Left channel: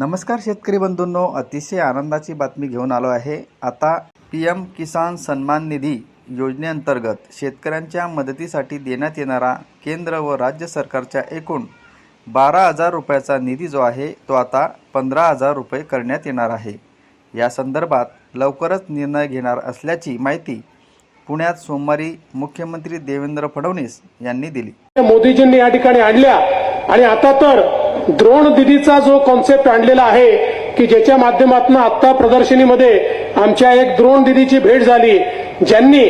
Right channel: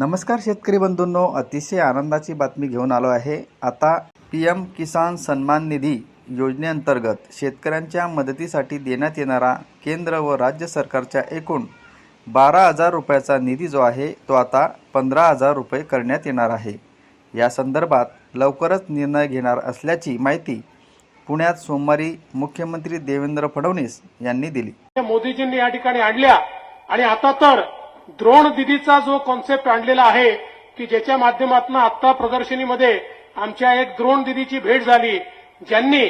नमस्कार शेतकरी बंधूंनो अतिशय आनंदाची बातमी घेऊन आलो आहे. आता पी एम किसान सन्मान निधी योजनेअंतर्गत शेतकऱ्यांच्या मदतीसाठी देण्यात येणारा केंद्र व राज्य सरकारच्या एकूण बारा हजार रुपयाचा निधी जो आहे तो आता पंधरा हजार रुपये करण्यात येणार आहे. या संदर्भात लवकरच निर्णय घेणार असल्याची माहिती पुण्यात सोमवारी मुख्यमंत्री देवेंद्र फडणवीस यांनी दिली. मोदीजींनी या ठिकाणी आणल्या आणि आता तर द्रोण दिदीचा जो कॉन्सेप्ट आणलेला आहे की ज्याच्या माध्यमातून आत्ता प्रदर्शनीमध्ये आमच्या एक द्रोण दिदीची भेट झाली ज्यांनी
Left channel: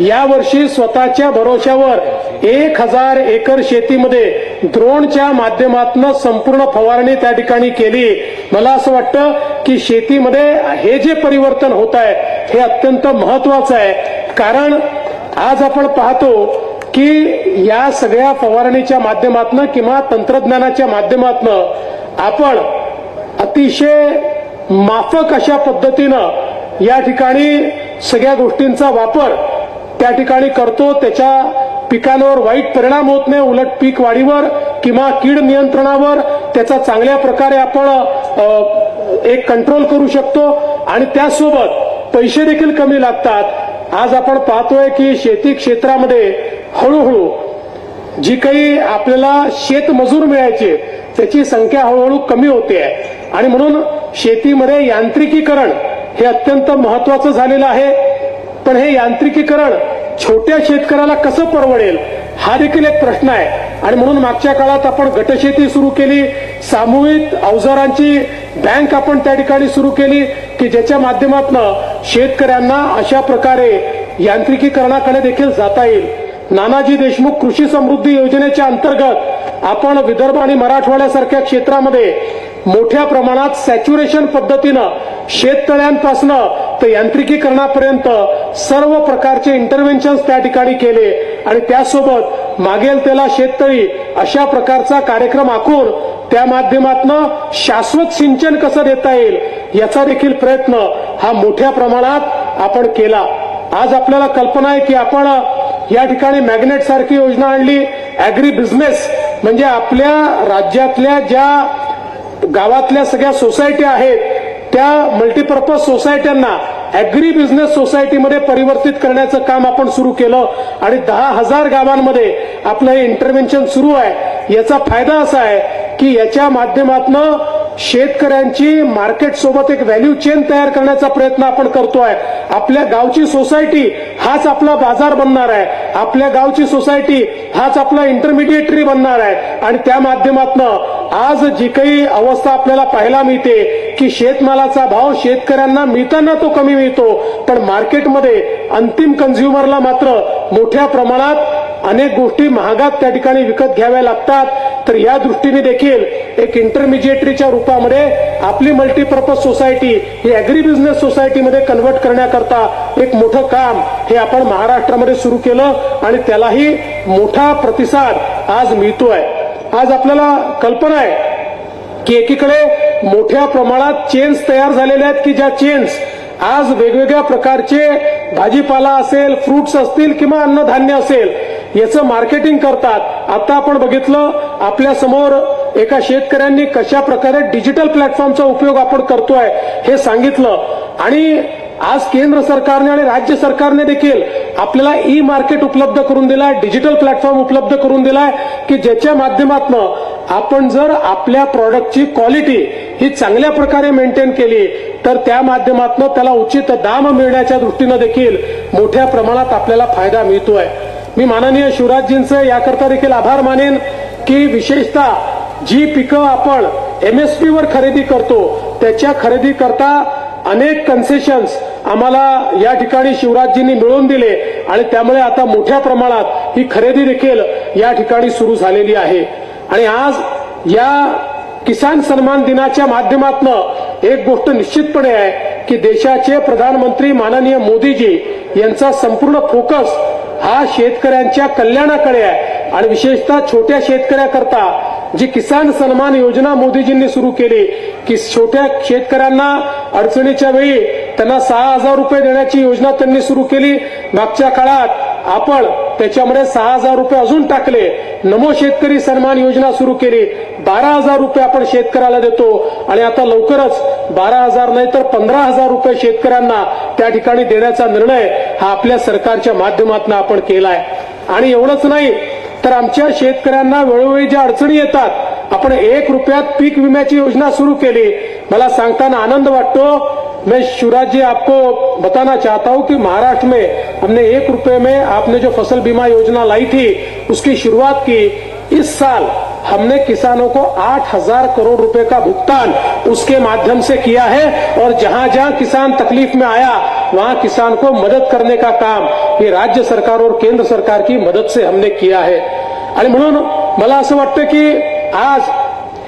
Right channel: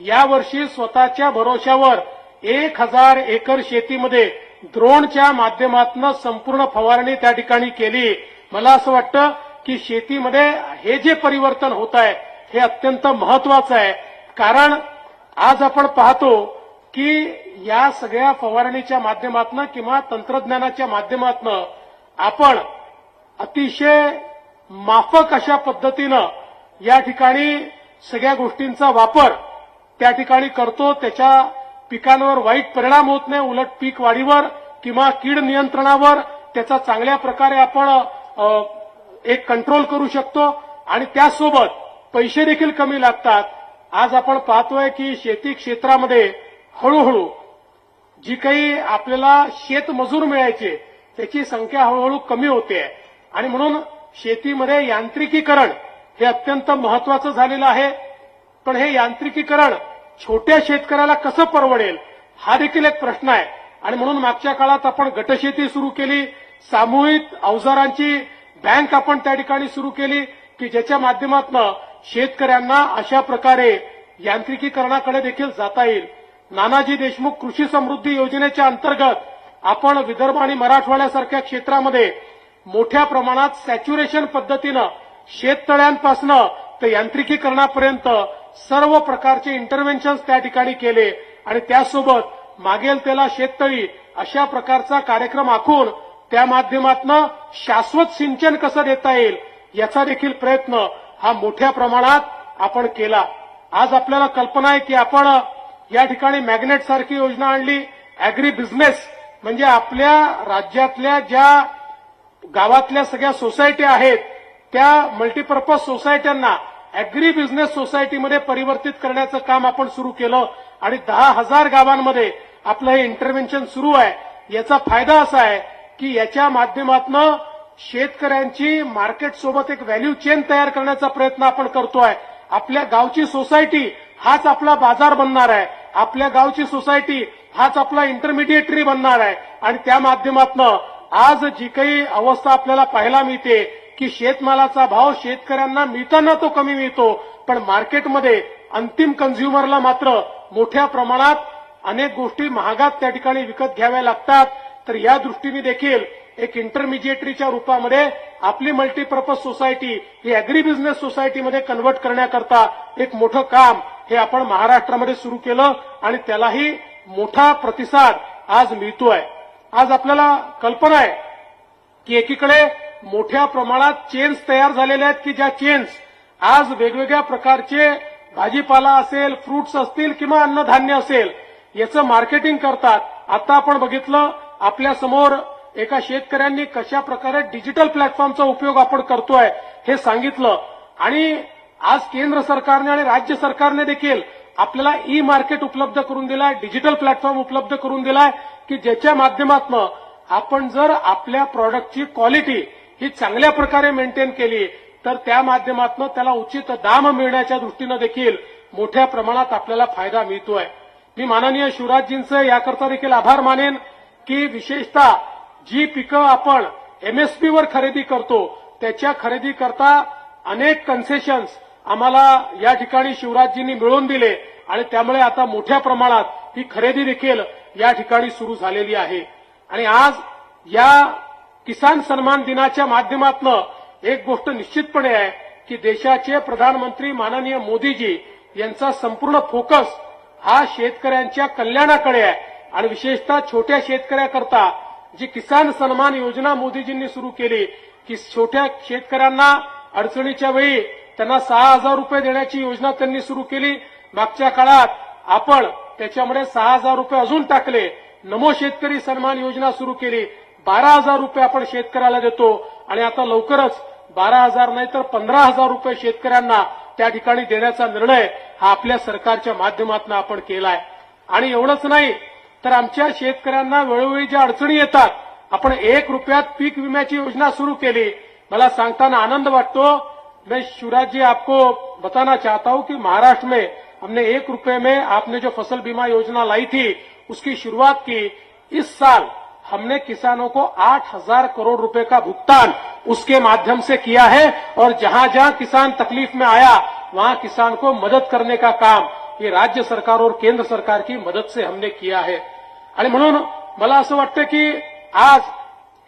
यावर्षी स्वतःच्या भरोशावर एक हजार एकर शेतीमध्ये द्रोणच्या माध्यमातून संपूर्ण फवारणी त्या ठिकाणी केली. मला असं वाटतं की शेतीमध्ये हे जे परिवर्तन होत आहे हे अत्यंत महत्वाचं आहे. कारण आज आपण पाहतो की या सगळ्या फवारणीच्या माध्यमातून किंवा तंत्रज्ञानाच्या माध्यमातून आपण अतिशय माफक अशा पद्धतीनं या ठिकाणी सगळ्या गोष्टींचा वापर त्या ठिकाणी करतो. त्याच्या पिकांवर वाईट परिणाम होत नाही. उलट पीक वाढीवर किंवा कीड नियंत्रणावर त्याचा चांगल्या प्रकारे आपण एक कंट्रोल करू शकतो. आणि त्यासोबत पैसे देखील कमी लागतात. आज आपण पाहतोय की शेती क्षेत्रामध्ये हळूहळू जी काही आपल्याला शेतमजूर मिळायचे त्याची संख्या हळूहळू कमी होते आहे. आणि म्हणून शेतीमध्ये यांत्रिकीकरण हे अत्यंत महत्वाचं झालेलं आहे. पण हे यांत्रिकीकरण छोट्या शेतकऱ्याला कसं परवडेल हा देखील एक प्रश्न आहे. आणि म्हणून मागच्या काळात आपण गटशेती सुरू केली सामूहिक अवजारांची बँक आपण त्या ठिकाणी सुरू केली की ज्याच्या माध्यमातून शेतकऱ्यांना अशा प्रकारे यांत्रिकीकरणाकडे देखील जाता येईल. नानाजी देशमुख कृषी समृद्धी योजनेच्या अंतर्गत आपण विदर्भ आणि मराठवाड्यासारख्या क्षेत्रामध्ये मोठ्या प्रमाणात सॅच्युरेशन पद्धतीनं शेततळ्यांपासून ते यांत्रिकीकरणापर्यंत सर्व प्रकारचे इंटरव्हेन्शन त्या ठिकाणी केले. आणि त्यासोबत मागेल त्याला शेततळी अशा प्रकारचा कार्यक्रम आखून त्या माध्यमातून शाश्वत सिंचन कसं देता येईल याचा देखील प्रयत्न हा मोठ्या प्रमाणात आपण केला. आज आपल्याला कल्पना आहे की आपण या ठिकाणी मॅग्नेट सारखी योजना आणली. अॅग्री बिझनेस म्हणजे आपल्या राज्यातल्या ज्या गावातल्या सगळ्या सोसायटी आहेत त्या मल्टीपर्पज सोसायट्यांना अॅग्री बिझनेस सोसायटीमध्ये परिवर्तित करण्याचं काम आपण सुरू केलं आणि दहा हजार गावांमध्ये आपलं हे इंटरव्हेन्शन सुरू आहे. याचा फायदा असा आहे की याच्या माध्यमातून शेतकऱ्यांची मार्केट सोबत एक व्हॅल्यू चेन तयार करण्याचा प्रयत्न आपण करतोय. आपल्या गावची सोसायटी हाच आपला बाजार बनणार आहे. आपल्या गावची सोसायटी हाच आपला इंटरमिडिएटरी बनणार आहे. आणि त्या माध्यमातून आज जी काही अवस्था आपल्याला पाहायला मिळते की शेतमालाचा भाव शेतकऱ्यांना मिळताना तो कमी मिळतो पण मार्केटमध्ये अंतिम कन्झ्युमरला मात्र मोठ्या प्रमाणात अनेक गोष्टी महागात त्या ठिकाणी विकत घ्याव्या लागतात. तर या दृष्टीने देखील एक इंटरमिजिएटरीच्या रूपामध्ये आपली मल्टीपर्पज सोसायटी ही अॅग्री बिझनेस सोसायटीमध्ये कन्व्हर्ट करण्याकरता एक मोठं काम हे आपण महाराष्ट्रामध्ये सुरू केलं आणि त्यालाही मोठा प्रतिसाद आज मिळतोय. आज आपल्याला कल्पना आहे की एकीकडे मोठ्या प्रमाणात चेन्स तयार झालेल्या आहेत की ज्या चेन्स आज वेगवेगळ्या प्रकारचे भाजीपाला असेल फ्रुट्स असतील किंवा अन्नधान्य असेल याचं मार्केटिंग करतात. आता आपण बघितलं आपल्यासमोर एका शेतकऱ्यांनी कशा प्रकारे डिजिटल प्लॅटफॉर्मचा उपयोग आपण करतोय हे सांगितलं. आणि आज केंद्र सरकारने आणि राज्य सरकारने देखील आपल्याला ई मार्केट उपलब्ध करून दिलाय डिजिटल प्लॅटफॉर्म उपलब्ध करून दिलाय की ज्याच्या माध्यमातून आपण जर आपल्या प्रॉडक्टची क्वालिटी ही चांगल्या प्रकारे मेंटेन केली तर त्या माध्यमातून त्याला उचित दाम मिळण्याच्या दृष्टीनं देखील मोठ्या प्रमाणात आपल्याला फायदा मिळतोय. मी माननीय शिवराजजींचे याकरता देखील आभार मानेन. की विशेषतः जी पिकं आपण एम एस वर खरेदी करतो त्याच्या खरेदी करता अनेक कन्सेशन्स आम्हाला या ठिकाणी शिवराजजींनी मिळवून दिले आणि त्यामुळे आता मोठ्या प्रमाणात ही खरेदी देखील या ठिकाणी सुरू झालेली आहे. आणि आज या किसान सन्मान दिनाच्या माध्यमातून एक गोष्ट निश्चितपणे आहे की देशाचे प्रधानमंत्री माननीय मोदीजी यांचा संपूर्ण फोकस हा शेतकऱ्यांच्या कल्याणाकडे आहे. आणि विशेषतः छोट्या शेतकऱ्याकरता जी किसान सन्मान योजना मोदीजींनी सुरू केली की छोट्या शेतकऱ्यांना अडचणीच्या वेळी त्यांना सहा हजार रुपये देण्याची योजना त्यांनी सुरू केली. मागच्या काळात आपण त्याच्यामध्ये सहा हजार रुपये अजून टाकले. नमो शेतकरी सन्मान योजना सुरू केली. बारा हजार रुपये आपण शेतकऱ्याला देतो. आणि आता लवकरच बारा हजार नाही तर पंधरा हजार रुपये शेतकऱ्यांना त्या ठिकाणी देण्याचा निर्णय हा आपल्या सरकारच्या माध्यमातून आपण केलाय. आणि एवढंच नाही तर आमच्या शेतकऱ्यांना वेळोवेळी ज्या अडचणी येतात, आपण एक रुपयात पीक विम्याची योजना सुरू केली. मला सांगताना आनंद वाटतो. मैं शिवराज जी आपको बताना चाहता हूँ कि महाराष्ट्र में हमने एक रुपए में आपने जो फ़सल बीमा योजना लाई थी, उसकी शुरुआत की। इस साल हमने किसानों को आठ हज़ार करोड़ रुपए का भुगतान उसके माध्यम से किया है और जहाँ जहाँ किसान तकलीफ़ में आया, वहाँ किसान को मदद करने का काम। हे राज्य सरकार और केंद्र सरकार की मदत से हमने किया है। आणि म्हणून मला असं वाटतं की आज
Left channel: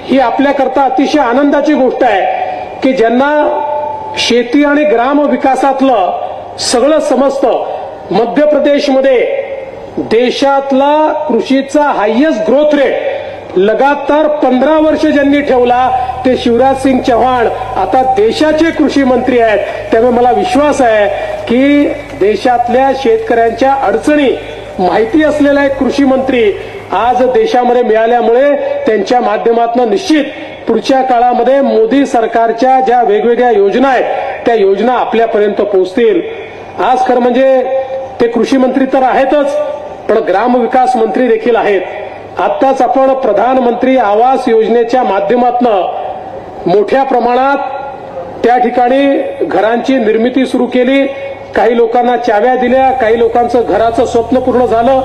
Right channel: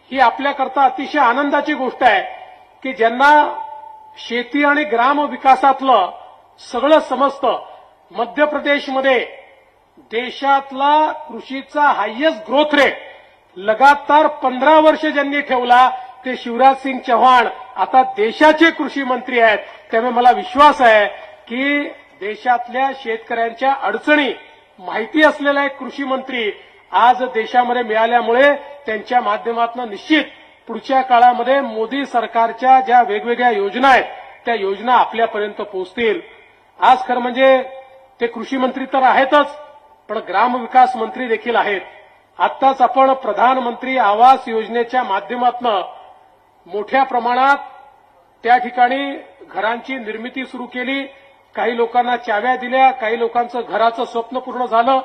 ही आपल्याकरता अतिशय आनंदाची गोष्ट आहे की ज्यांना शेती आणि ग्राम विकासातलं सगळं समजतं मध्य प्रदेशमध्ये देशातला कृषीचा हायएस्ट ग्रोथ रेट लगातार पंधरा वर्ष ज्यांनी ठेवला ते शिवराज सिंग चव्हाण आता देशाचे कृषी मंत्री आहेत त्यामुळे मला विश्वास आहे की देशातल्या शेतकऱ्यांच्या अडचणी माहिती असलेला एक कृषी मंत्री आज देशामध्ये मिळाल्यामुळे त्यांच्या माध्यमातून निश्चित पुढच्या काळामध्ये मोदी सरकारच्या ज्या वेगवेगळ्या योजना आहेत त्या योजना आपल्यापर्यंत पोहोचतील. आज खरं म्हणजे ते कृषी मंत्री तर आहेतच पण ग्रामविकास मंत्री देखील आहेत. आत्ताच आपण प्रधानमंत्री आवास योजनेच्या माध्यमातून मोठ्या प्रमाणात त्या ठिकाणी घरांची निर्मिती सुरू केली. काही लोकांना चाव्या दिल्या काही लोकांचं घराचं स्वप्न पूर्ण झालं.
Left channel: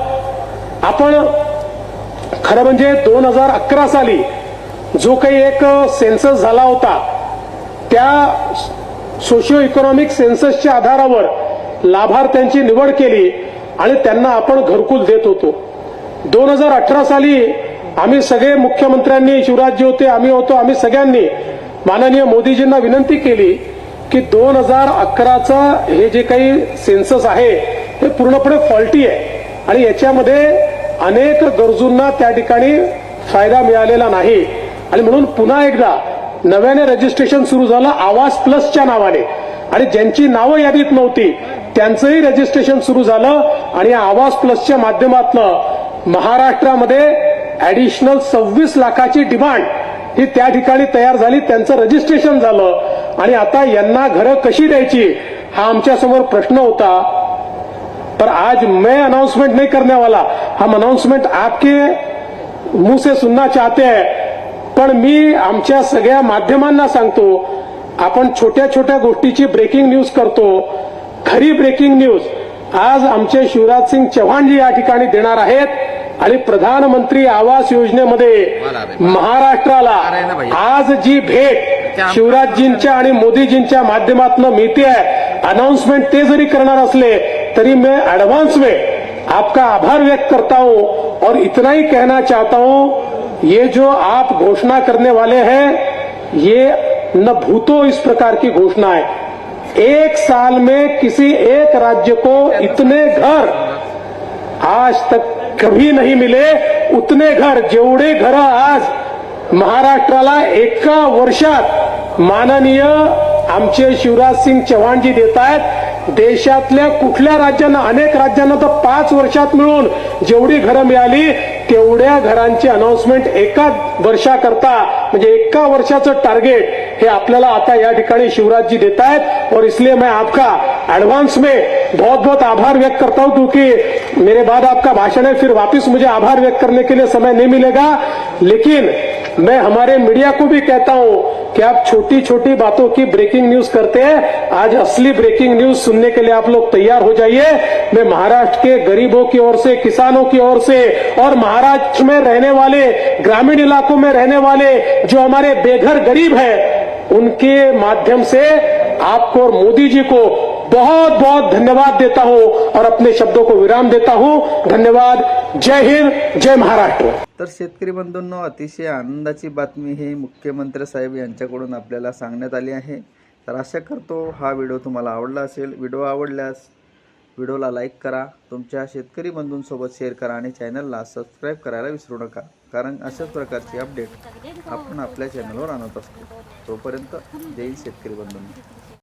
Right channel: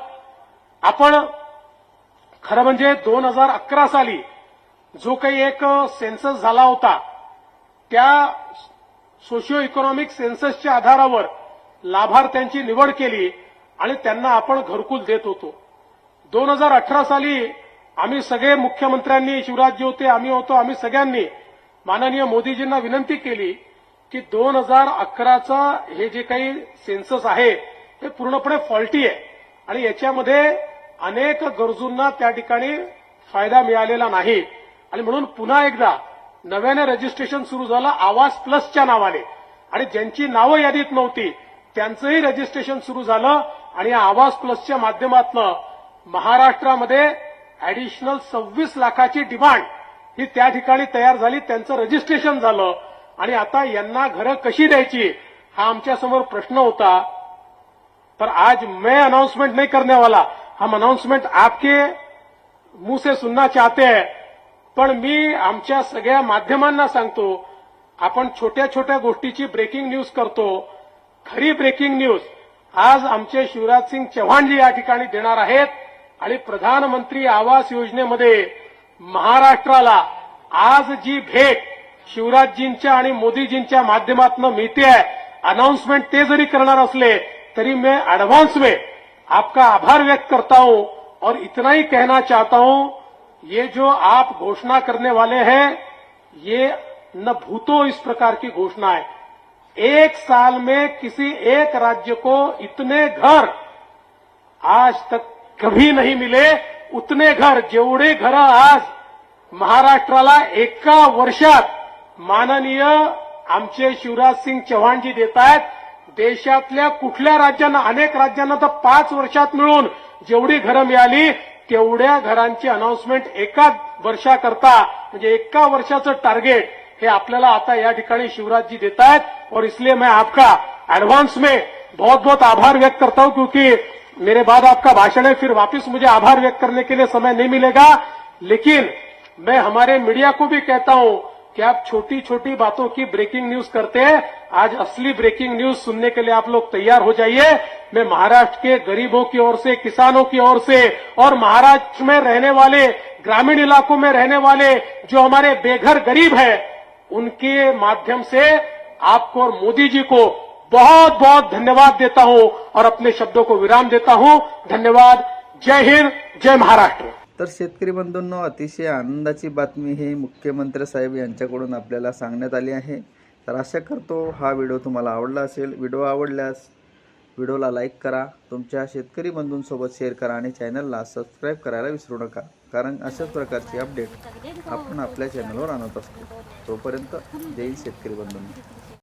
आपण खरं म्हणजे दोन हजार अकरा साली जो काही एक सेन्सस झाला होता त्या सोशिओ इकॉनॉमिक सेन्ससच्या आधारावर लाभार्थ्यांची निवड केली आणि त्यांना आपण घरकुल देत होतो. दोन हजार अठरा साली आम्ही सगळे मुख्यमंत्र्यांनी शिवराजजी होते आम्ही होतो आम्ही सगळ्यांनी माननीय मोदीजींना विनंती केली की दोन हजार अकराचं हे जे काही सेन्सस आहे हे पूर्णपणे फॉल्टी आहे. आणि याच्यामध्ये अनेक गरजूंना त्या ठिकाणी फायदा मिळालेला नाही. आणि म्हणून पुन्हा एकदा नव्याने रजिस्ट्रेशन सुरू झालं आवास प्लसच्या नावाने. आणि ज्यांची नावं यादीत नव्हती त्यांचंही रजिस्ट्रेशन सुरू झालं आणि आवास प्लसच्या माध्यमातून महाराष्ट्रामध्ये ऍडिशनल सव्वीस लाखाची डिमांड ही त्या ठिकाणी तयार झाली त्यांचं रजिस्ट्रेशन झालं. आणि आता यांना घरं कशी द्यायची हा आमच्यासमोर प्रश्न होता. पर आज मैं अनाउंसमेंट नहीं करने वाला हम अनाउंसमेंट आपके मुंह से सुनना चाहते हैं. पण मी आमच्या सगळ्या माध्यमांना सांगतो आपण छोट्या छोट्या गोष्टीची ब्रेकिंग न्यूज करतो. खरी ब्रेकिंग न्यूज आज आमचे शिवराज सिंग चव्हाणजी या ठिकाणी देणार आहेत आणि प्रधानमंत्री आवास योजनेमध्ये महाराष्ट्राला आज जी भेट शिवराजजींच्या आणि मोदीजींच्या माध्यमातून मिळते. आहे अनाउन्समेंट ते जरी करणार असले तरी मैं एडवांस में आपका आभार व्यक्त करता हूं और इतना ही कहना चाहता हूं ये जो आप घोषणा करने वाले हैं ये न भूतो इस प्रकार की घोषणा है। एक साल में किसी एक राज्य को इतने घर आज तक कभी नहीं मिले उतने घर जेवढे घर आज महाराष्ट्राला एका वर्षात माननीय आमचे शिवराज सिंग चव्हाणजी देत आहेत देशातल्या कुठल्या राज्यांना अनेक राज्यांना तर पाच वर्षात मिळून जेवढी घरं मिळाली तेवढ्या घरांची अनाउन्समेंट एका वर्षाकरता म्हणजे एका वर्षाचं टार्गेट हे आपल्याला आता या ठिकाणी शिवराजजी देत आहेत और इसलिए मैं आपका एडवांस में बहुत बहुत आभार व्यक्त करता हूं क्योंकि मेरे बाद आपका भाषण है फिर वापस मुझे आभार व्यक्त करने के लिए समय नहीं मिलेगा। लेकिन मैं हमारे मीडिया को भी कहता हूं कि आप छोटी छोटी बातों की ब्रेकिंग न्यूज़ करते हैं। आज असली ब्रेकिंग न्यूज़ सुनने के लिए आप लोग तैयार हो जाइए। मैं महाराष्ट्र के गरीबों की ओर से, किसानों की ओर से और महाराष्ट्र में रहने वाले, ग्रामीण इलाकों में रहने वाले जो हमारे बेघर गरीब है, उनके माध्यम से आपको और मोदी जी को बहुत बहुत धन्यवाद देता हूँ और अपने शब्दों को विराम देता हूँ। धन्यवाद। जय हिंद जय महाराष्ट्र. तर शेतकरी बंधूंनो अतिशय आनंदाची बातमी ही मुख्यमंत्री साहेब यांच्याकडून आपल्याला सांगण्यात आली आहे. तर आशा करतो हा व्हिडिओ तुम्हाला आवडला असेल. व्हिडिओ आवडल्यास व्हिडिओला लाईक करा तुमच्या शेतकरी बंधूंसोबत शेअर करा आणि चॅनलला सबस्क्राईब करायला विसरू नका. कारण अशाच प्रकारची अपडेट आपण आपल्या चॅनलवर आणत असतो. तोपर्यंत जय शेतकरी बंधूंनी.